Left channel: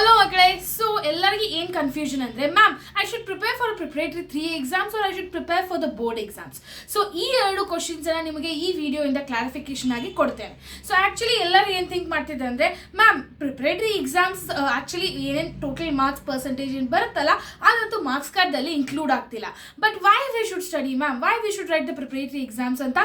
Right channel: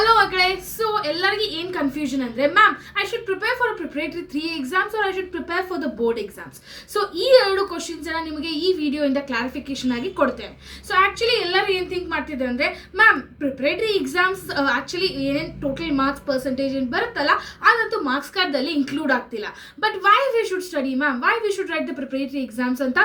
Hello Makale. So ellargi ಏನು confusion ಅಂದ್ರೆ ma'am I should prepare for preparatory 3 exams are I should prepare for the board exams. So ಈ ಎರಡು questions ಅನ್ನ ನಿಮಗೆ ಈ video ಇಂದ ಕ್ಲಾರಿಫಿಕೇಶನ್ ಆಗಿ ಕೊಡ್ತೇನೆ. ಸೊ ಆಕ್ಚುಲಿ ಎಲ್ಲರೂ ಏನು ಥಿಂಕ್ ಮಾಡ್ತಿದ್ದಾರೆ ಅಂದ್ರೆ ಮ್ಯಾಮ್ ಪ್ರಿಪರೇಟರಿ ಎಕ್ಸಾಮ್ಸ್ ಆಕ್ಚುಲಿ ಏನು ಟೋಟಲ್ ಮಾರ್ಕ್ಸ್ ಪರ್ಸೆಂಟೇಜ್ ಏನು ಬರುತ್ತಲ್ಲ ಅದಂತೂ ಮಾರ್ಕ್ಸ್ ಕಾರ್ಡ್ದಲ್ಲಿ ಇನ್ಕ್ಲೂಡ್ ಆಗ್ತಿಲ್ಲ. But why we should study ma'am, why we should write the preparatory exams ಅಂತ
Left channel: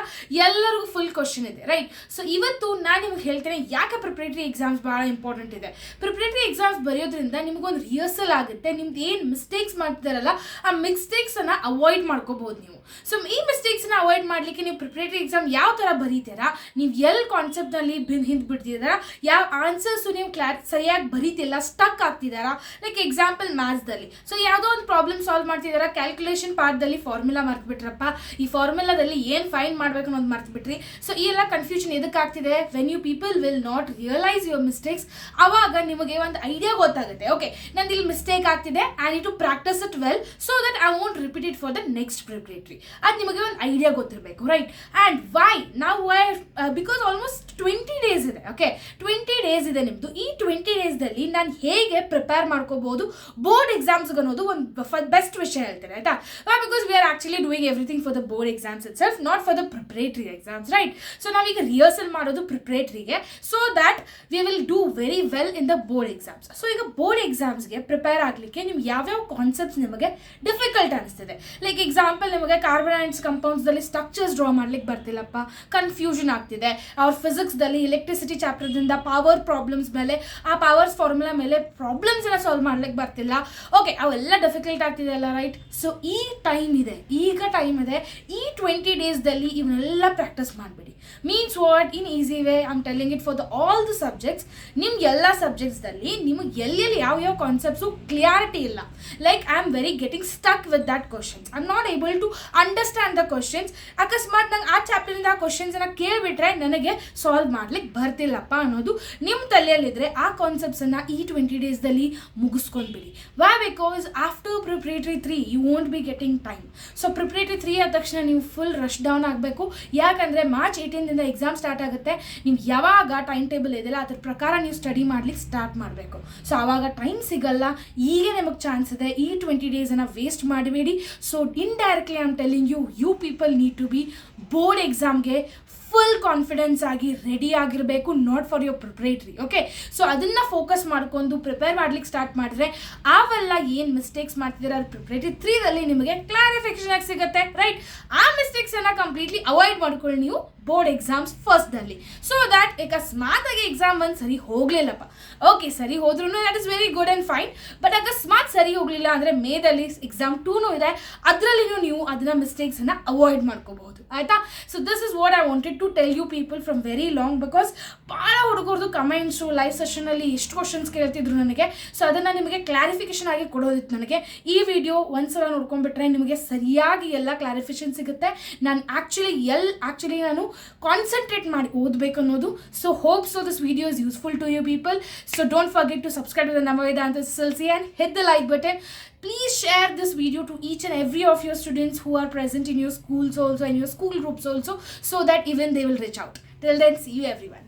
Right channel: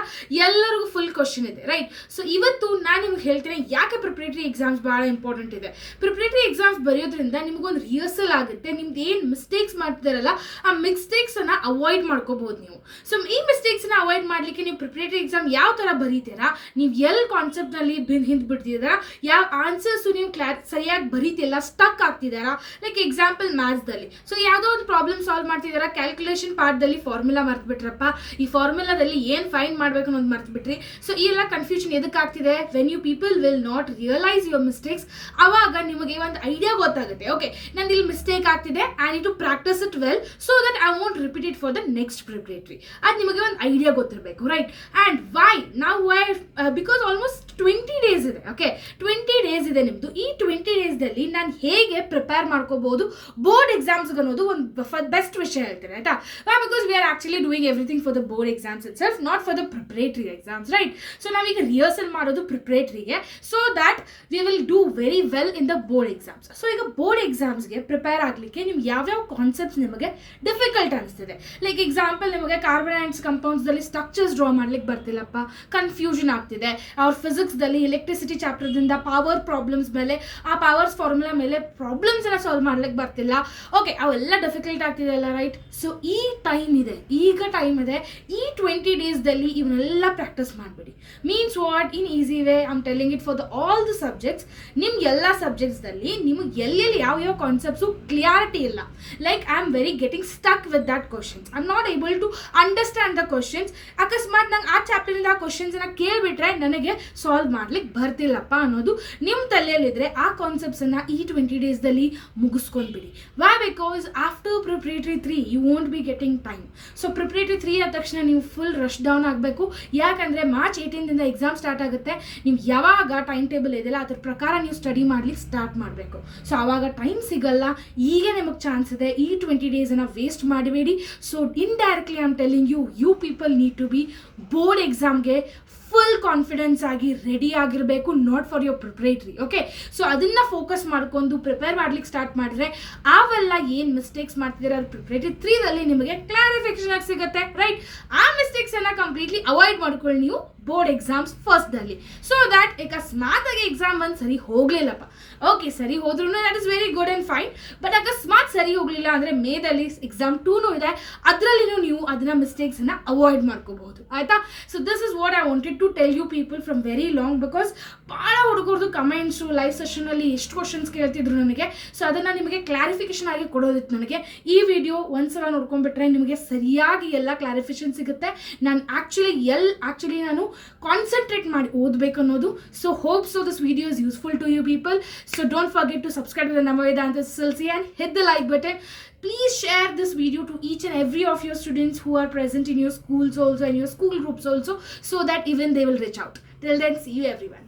ಎಲ್ಲರಿಗೂ ಫುಲ್ ಕ್ವಶನ್ ಇದೆ, ರೈಟ್? ಸೊ ಇವತ್ತು ನಾನು ನಿಮ್ಗೆ ಹೇಳ್ತೇನೆ ಯಾಕೆ ಪ್ರಿಪರೇಟರಿ ಎಕ್ಸಾಮ್ಸ್ ಬಹಳ ಇಂಪಾರ್ಟೆಂಟ್ ಇದೆ. ಪ್ರಿಪರೇಟರಿ ಎಕ್ಸಾಮ್ಸ್ ಬರೆಯೋದ್ರಿಂದ ನಿಮಗೊಂದು ರಿಹರ್ಸಲ್ ಆಗುತ್ತೆ. ನಿಮ್ದು ಏನು ಮಿಸ್ಟೇಕ್ಸ್ ಮಾಡ್ತಿದಾರಲ್ಲ ಆ ಮಿಸ್ಟೇಕ್ಸ್ ಅನ್ನ ಅವಾಯ್ಡ್ ಮಾಡ್ಕೋಬಹುದು ನೀವು. ಸೊ ಈ ಮಿಸ್ಟೇಕ್ಸ್ ನ ಅವಾಯ್ಡ್ ಮಾಡ್ಲಿಕ್ಕೆ ನೀವು ಪ್ರಿಪರೇಟರಿ ಎಕ್ಸಾಮ್ ಯಾವ ತರ ಬರೀತೀರಾ, ನೀವು ಎಲ್ಲಿ ಕಾನ್ಸೆಪ್ಟ್ ನಲ್ಲಿ ಹಿಂದ್ ಬಿಡ್ತಿದ್ದೀರಾ, ಯಾವ ಆನ್ಸರ್ಸ್ ನೀವು ಸರಿಯಾಗಿ ಬರೀತಿಲ್ಲ, ಸ್ಟಕ್ ಆಗ್ತಿದಾರಾ. ಲೈಕ್ ಎಕ್ಸಾಂಪಲ್ ಮ್ಯಾಥ್ಸ್ ದಲ್ಲಿ ಸೊ ಯಾವುದೋ ಒಂದು ಪ್ರಾಬ್ಲಮ್ ಸಾಲ್ವ್ ಮಾಡ್ತಿದಾರಾ, ಕ್ಯಾಲ್ಕುಲೇಷನ್ ಪಾರ್ಟ್ ದಲ್ಲಿ ಫಾರ್ಮುಲಾ ಮರ್ತು ಬಿಟ್ರಪ್ಪ, ಈ ಫಾರ್ಮುಲಾದಲ್ಲಿ ಏನ್ ಫೈಂಡ್ ಮಾಡ್ಬೇಕು ಅನ್ನೋದು ಮರ್ತು ಬಿಟ್ರಿ. ಸೊ ಈ ಎಲ್ಲ ಕನ್ಫ್ಯೂಷನ್ ಎದಕ್ಕೆ ಆಗ್ತಿದೆ? When you people will not realise your mistakes, ಅವಾಗ ನಿಮಗೆ ಒಂದು ಐಡಿಯಾ ಗೊತ್ತಾಗುತ್ತೆ. ಓಕೆ, ನಂದು ಇಲ್ಲಿ ಮಿಸ್ಟೇಕ್ ಆಗ್ತಿದೆ, I need to practise it well so that I want repeat it for the next preparatory. ಅದು ನಿಮಗೆ ಒಂದು ಐಡಿಯಾ ಗೊತ್ತಿರಬೇಕು, ರೈಟ್? ಆ್ಯಂಡ್ ವೈ ನಾವು ಬಿಕಾಸ್ ಆಲ್ಮೋಸ್ಟ್ 20 ಡೇಸ್ ಇದೆ. ಓಕೆ, 20 ಡೇಸ್ ಇದೆ ನಿಮ್ಮದು. ಈ 20 ಡೇಸ್ದಲ್ಲಿ ನಾನು ಹೇಗೆ ಪ್ರಿಪೇರ್ ಮಾಡ್ಕೋಬಹುದು ಬೋರ್ಡ್ ಎಕ್ಸಾಮ್ಸ್ಗೆ ಅನ್ನೋದು ಒಂದು ಬೆಸ್ಟ್ ವಿಷಯ ಹೇಳ್ತೇನೆ, ಆಯ್ತಾ? Because we are actually doing everything for the board exams itself, not for the preparatory exams, right? So ನಾವೀಗ ರಿಹರ್ಸಲ್ ಮಾಡೋದು ಪ್ರಿಪರೇಟರಿಗೆ so that we will do very well in the board exams. So ಈಗ board ಎಕ್ಸಾಮ್ಸ್ಗೆ prepare ಆಗಲಿಕ್ಕೆ ನಿಮ್ಗೆ ಯಾವ್ಯಾವ concepts ನಿಮಗೆ difficult ಅನಿಸ್ತಿದೆ? ಲೈಕ್ ಎಕ್ಸಾಂಪಲ್, ನಿಮಗೆ ಕಾರ್ಬನ್ ಕಂಪೌಂಡ್ಸ್ದಲ್ಲಿ ಸ್ಟ್ರಕ್ಚರ್ಸ್ ಡ್ರಾ ಮಾಡ್ಲಿಕ್ಕೆ ಬರ್ತಿಲ್ಲಪ್ಪ, ಕನ್ಫ್ಯೂಷನ್ ಆಗ್ತಿದೆ. ಅವ್ರ ಫಿಸಿಕ್ಸ್ದಲ್ಲಿ ಎಲೆಕ್ಟ್ರಿಸಿಟಿ ಚಾಪ್ಟರ್ದಿಂದ ಪವರ್ ಪ್ರಾಬ್ಲಮ್ಸ್ ಮೇಲೆ, ಆ ಪವರ್ಸ್ ಫಾರ್ಮುಲಾ ಮೇಲೆ ಪ್ರಾಬ್ಲಮ್ಸ್ ಎಲ್ಲ ಸಾಲ್ವ್ ಮಾಡ್ಲಿಕ್ಕೆ ಬರ್ತಿಲ್ಲ. ಓಕೆ, ಅವೆಲ್ಲ ಡಿಫಿಕಲ್ಟ್ ಆಗ್ತಿದೆ ಅಲ್ಲ, ರೈಟ್? ಸೊ ಈ ಟೈಮ್ ಇದೆ, ಈಗ ಟೈಮ್ ಇದೆ. ಈ 20 ಡೇಸ್ದಲ್ಲಿ ಇವನ್ನೆಲ್ಲ ಪ್ರಾಕ್ಟೀಸ್ ಮಾಡಿಬಿಡಿ. Means what? In easy way I am telling it for the all the subjects. ನಿಮ್ಗೆ ಎಲ್ಲ ಸಬ್ಜೆಕ್ಟ್ಸ್ದಲ್ಲಿ ನಿಮಗೆ ಎಲ್ಲೆಲ್ಲಿ ಯಾವ ಕಾನ್ಸೆಪ್ಟ್ಸು ಕ್ಲಿಯಾರಿಟಿ ಇಲ್ಲ. Like I am very getting stuck with that questions, I am not able to understand the questions. ಅಕಸ್ಮಾತ್ ನಂಗೆ ಆ ಚಾಪ್ಟರಿಂದ ಆ ಕ್ವಶನ್ಸನ್ನು ಕೇಳಿಬಿಟ್ರೆ ನನಗೆ ಸಾಲ್ವ್ ಮಾಡ್ಲಿಕ್ಕೆ ಬರ್ತಿಲ್ಲಪ್ಪ ಅನ್ನೋದು ನಿಮ್ಮ ತಲೆಯಲ್ಲಿದ್ದರೆ ಆ ಕಾನ್ಸೆಪ್ಟ್ಸನ್ನು ಈ 20 ಡೇಸ್ದಲ್ಲಿ ಮುಗಿಸ್ಕೊಂಡ್ಬಿಡಿ. Why? Because after preparatory 3 you won't be getting time. So preparatory 3 ಆದ ತಕ್ಷಣ ನೀವು ಫುಲ್ ರಶ್ ಡೌನ್ ಆಗಬೇಕು. ಯಾಕಂದರೆ ಮಾರ್ಚ್ 18ದಿಂದ ಎಕ್ಸಾಮ್ ಸ್ಟಾರ್ಟ್ ಆಗುತ್ತೆ. ನೀವು ಯಾವಾಗ ಟೈಮ್ ಟೇಬಲ್ ಇದೆಯಲ್ಲ ಅದ್ರ ಪ್ರಕಾರ ನೀವು ಸ್ಟಡಿ ಮಾಡ್ಲಿಕ್ಕೆ ಸ್ಟಾರ್ಟ್ ಮಾಡಬೇಕು. ಸೊ ಆವಾಗ ಟೈಮ್ ಸಿಗಲ್ಲ. ಈಗ ನಿಮಗೆ ಚಾನ್ಸ್ ಇದೆ. ಈ 20 ಡೇಸನ್ನು ವೇಸ್ಟ್ ಮಾಡಬೇಡಿ. So indirectly I am telling you people need to be board ಎಕ್ಸಾಮ್ಗೆ ಫುಲ್ ಕಾನ್ಫಿಡೆನ್ಸ್ ಆಗಿ ರೆಡಿ ಆಗಿರಬೇಕು, not for your preparatory. Okay, so ಅದನ್ನು ಫೋಕಸ್ ಮಾಡ್ಕೊಂಡು ಪ್ರಿಪೇರ್ ಮಾಡ್ಲಿಕ್ಕೆ ಸ್ಟಾರ್ಟ್ ಮಾಡಿದ್ರೆ ಅವೆಲ್ಲ ಏನು ಮಿಸ್ಟೇಕ್ಸ್ ಮಾಡ್ತಿದ್ದೀರಾ ಅದು ಪ್ರಿಪರೇಟರಿ 3ದಲ್ಲಿ ನಿಮಗೆ ಕ್ಲಾರಿಫಿಕೇಶನ್ ಆಗಿ ಸಿಗುತ್ತೆ, ರೈಟ್? ಆ ಮಿಸ್ಟೇಕ್ಸನ್ನು ಕಂಪ್ಲೀಟ್ಲಿ ಅವಾಯ್ಡ್ ಮಾಡ್ಕೊಳ್ಳಿ ನೀವು ಬೋರ್ಡ್ ಎಕ್ಸಾಮ್ಸ್ ಫಸ್ಟ್ದಲ್ಲಿ. ಸೊ ದ್ಯಾಟ್ ಅಕಸ್ಮಾತ್ ಆಗಿ ಎಕ್ಸಾಮ್ ಒಂದು ಸರಿ ಹೋಗಲಿಲ್ಲಪ್ಪ, ಓಕೆ, ಸರಿ ಹೋದ್ರೂ that is very good and fine. But ಅಕಸ್ಮಾತ್ ಸರಿ ಹೋಗಲಿಲ್ಲ ಅಂದರೆ ಮೇದಲ್ಲಿ ಎಕ್ಸಾಮ್ 2 ಇದೆ, ಅದರಲ್ಲಿನೂ ನೀವು ಅದನ್ನ ಮಿಸ್ಟೇಕ್ಸನ್ನು ಅವಾಯ್ಡ್ ಮಾಡ್ಕೋಬಹುದು, ಆಯಿತಾ? So this is what I wanted to tell you people from very long. Because ಭಾಳ ಹುಡುಗರದು ಕಮೆಂಟ್ಸು ಲೈವ್ ಸೆಷನಲ್ಲಿ ಎಷ್ಟು ಕ್ವಶನ್ಸ್ ಕೇಳ್ತಿದ್ರು ನನಗೆ. ಸೊ ಅದನ್ನು ನಿಮಗೆ ಕ್ಲಾರಿಫಿಕೇಶನ್ ಆಗಿ ಕೊಡೋದಿತ್ತು ನನಗೆ. ಈ ವಿಡಿಯೋ ಒಂದ್ಸಲ ನೋಡ್ಕೊಂಡ್ಬಿಟ್ರೆ ನಿಮಗೆ ಸರಿಯಾಗಿ ಎಲ್ಲ ಕ್ಲಾರಿಫಿಕೇಶನ್ ಸಿಗುತ್ತೆ. ನಾನು ಆ್ಯಕ್ಚುಲಿ ನಾನು ಕಾನ್ಸಂಟ್ರೇಟ್ ಮಾಡಿ ಓದಬೇಕು ಅನ್ನೋದು. So hope so this video is useful to you people. So don't forget to subscribe to the Vedantu SSLC and hit the like button. Please share this video to each and every of your students who are present in your schools also and your school groups also, so that even they will reach out. Till then, see you everyone.